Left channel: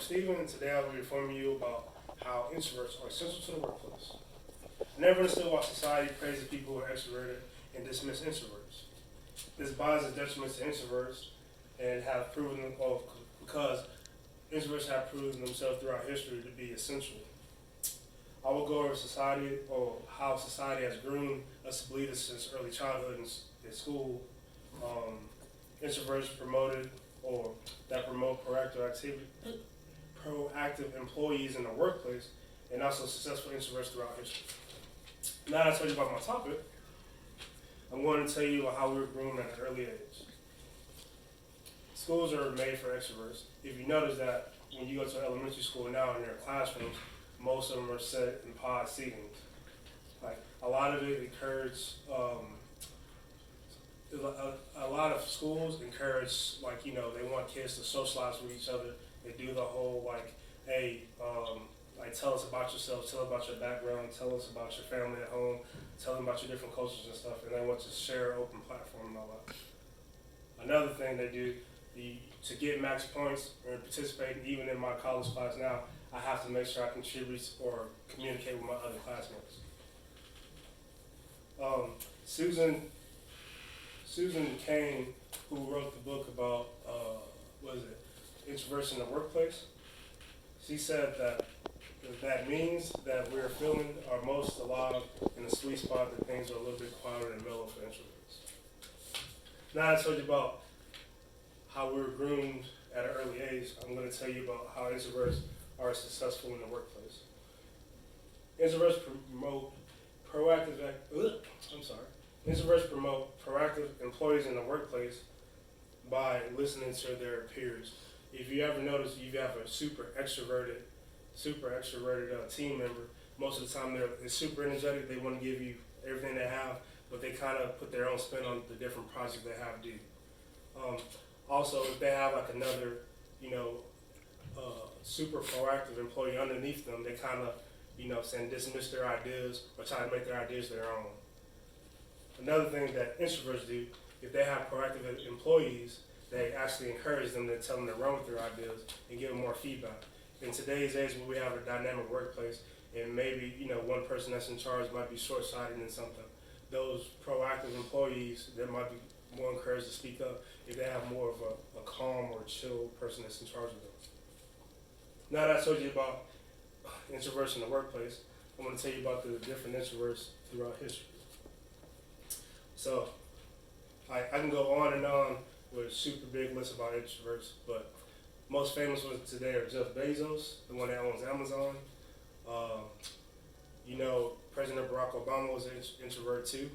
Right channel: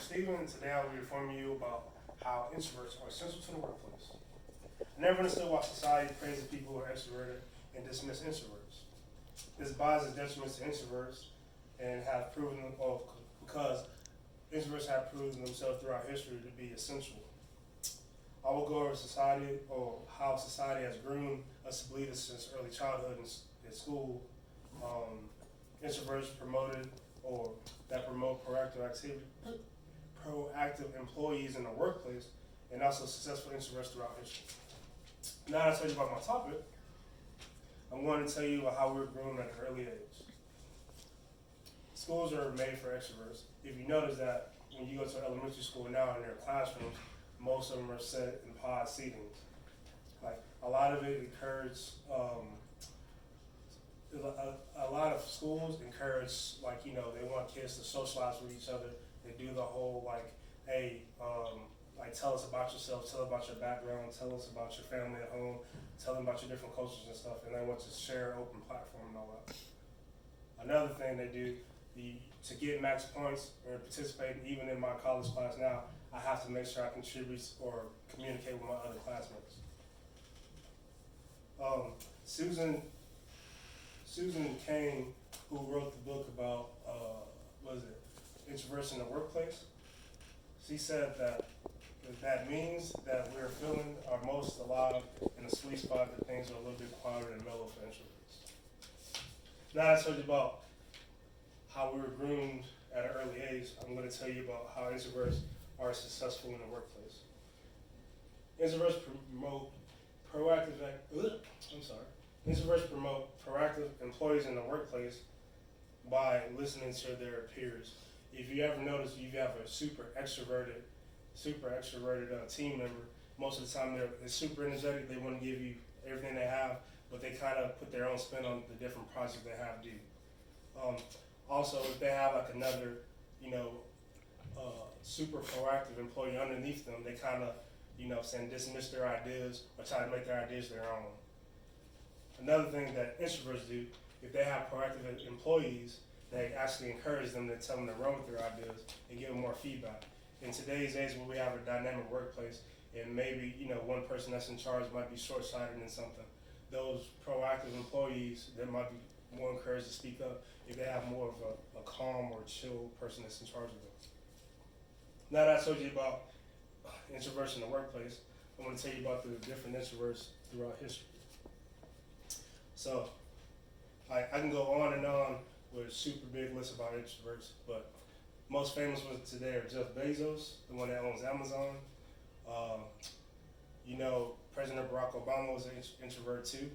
is Steven, and today I will be informing you about how introverts are essential to the workplace. Never understood why society praises people who are extroverted and dismiss introverts. This bias is detriment to introverts and have proven because introverts have proven themselves throughout history to be essential. I will go over society or how society has groomed us to believe this since early childhood in school. Introverts promoted or that promote proactive employees in the workplace, and also successful introverts throughout history. Now that I told you about my topic, I'm going to tell you about how we were groomed at an early age. Schools are made for extroverts. If you notice that when you go to elementary school now in their classrooms, most of them are set in pod seatings. Like a lot of it encourages, a lot of schools encourage, like, they want kids to socialize with each other. They do the whole hey, like tell us about yourself, tell about your background, tell us about your family at home, tell them about your different cultures and stuff, and they want to share an open platform and all that. Another thing they do, to get max points or participate even in my college class now, I have to make sure I contribute or communicate with my other classmates. Susan Cain, who wrote the book about, introversion in the workplace, she said that means that we're feeling our most alive in a sweet spot, that things are a little bit quieter and mellow for introverts. Now I told you about how we were groomed at an early age, I'm going to tell you about how introverts are successful in the workplace. Introverts promote Introverts promote proactive employees in the workplace by listening to their peers. If you ever notice, you have a super extroverted team member. Most of the time, they're super energetic. They want to give you everything they have, but they kind of put their own spin on the different projects they have due. Also, if they have like another, super proactive employee underneath them, they kind of, dismiss their ideas or try to make their ideas their own. Another thing that introverts do, if they have proactive employees, they actually encourage them to tell them to run with their ideas and give them more feedback. In today's age, where we have a dynamic workplace, and maybe one person that's in charge might be short-sighted in something, those proactive employees, they might be more encouraged to speak up if they have more of a calm or chill person that's in charge of them. Now that I told you about introverts in the workplace, I'm going to tell you about the different introverts throughout history. So, I can go on and on with a super big list about introverts, but most famous ones today are Jeff Bezos, the one that owns Amazon. President Barack Obama was an introvert too.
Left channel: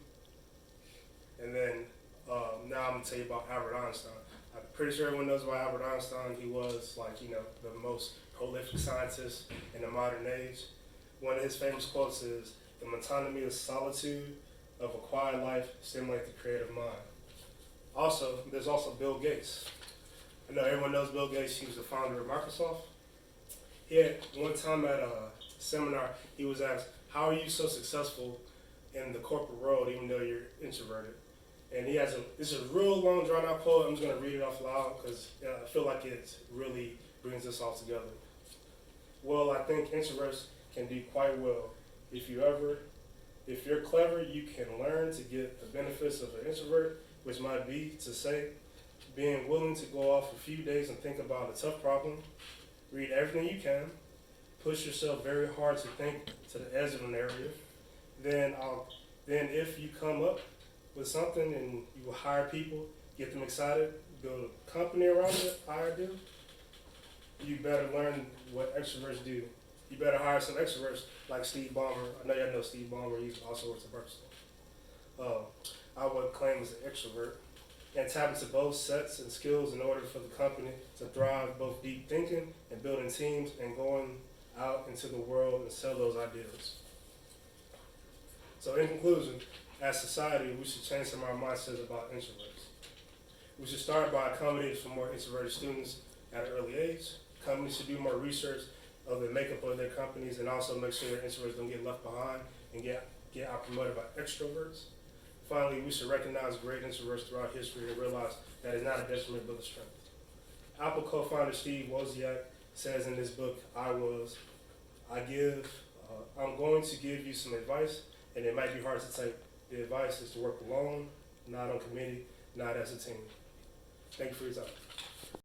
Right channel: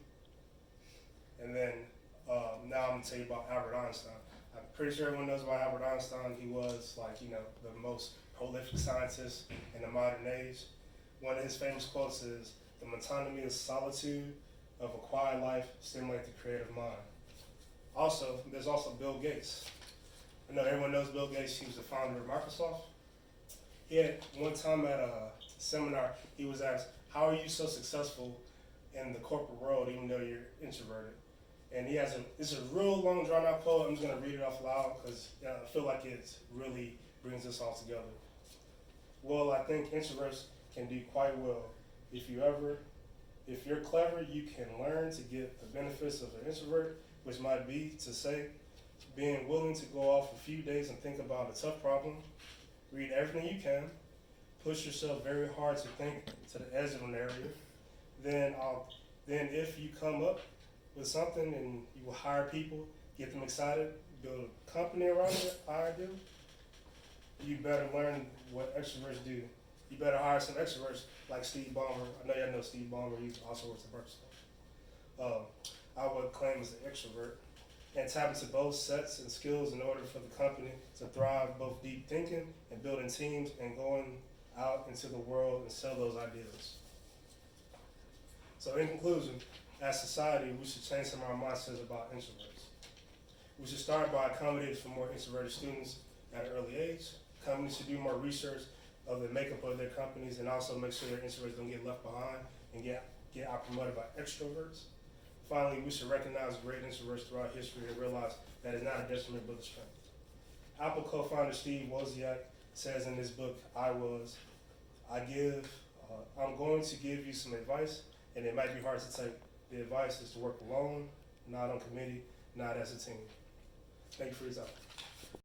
And then now I'm going to tell you about Albert Einstein. I'm pretty sure everyone knows about Albert Einstein. He was the most prolific scientist in the modern age. One of his famous quotes is, "The monotony of solitude of a quiet life stimulates the creative mind." Also, there's also Bill Gates. I know everyone knows Bill Gates. He was the founder of Microsoft. He had one time at a seminar, he was asked, "How are you so successful in the corporate world even though you're introverted?" And this is a real long drawn out quote. I'm just going to read it off loud because I feel like it really brings us all together. "Well, I think introverts can do quite well. If you're clever, you can learn to get the benefits of an introvert, which might be to say, being willing to go off a few days and think about a tough problem, read everything you can, push yourself very hard to think to the edge of an area. Then if you come up with something and you will hire people, get them excited, build a company around the idea, you better learn what extroverts do. You better hire some extroverts like Steve Ballmer." I know y'all know Steve Ballmer. He also works at Microsoft. I would claim as an extrovert, and tap into both sets and skills in order for the company to thrive, both deep thinking and building teams and going out into the world and sell those ideas. So in conclusion, as society, we should change some of our mindsets about introverts. We should start by accommodating for more introverted students at an early age. Companies should do more research of the makeup of their companies and also make sure their introverts don't get left behind and get out promoted by extroverts. Finally, we should recognize great introverts throughout history and realize that it's not a detriment but a strength. Apple co-founder Steve Wozniak says in this book, I'm going to give you some advice, and it might be hard to take. The advice is to work alone, not on committee, not as a team. Thank you for your time.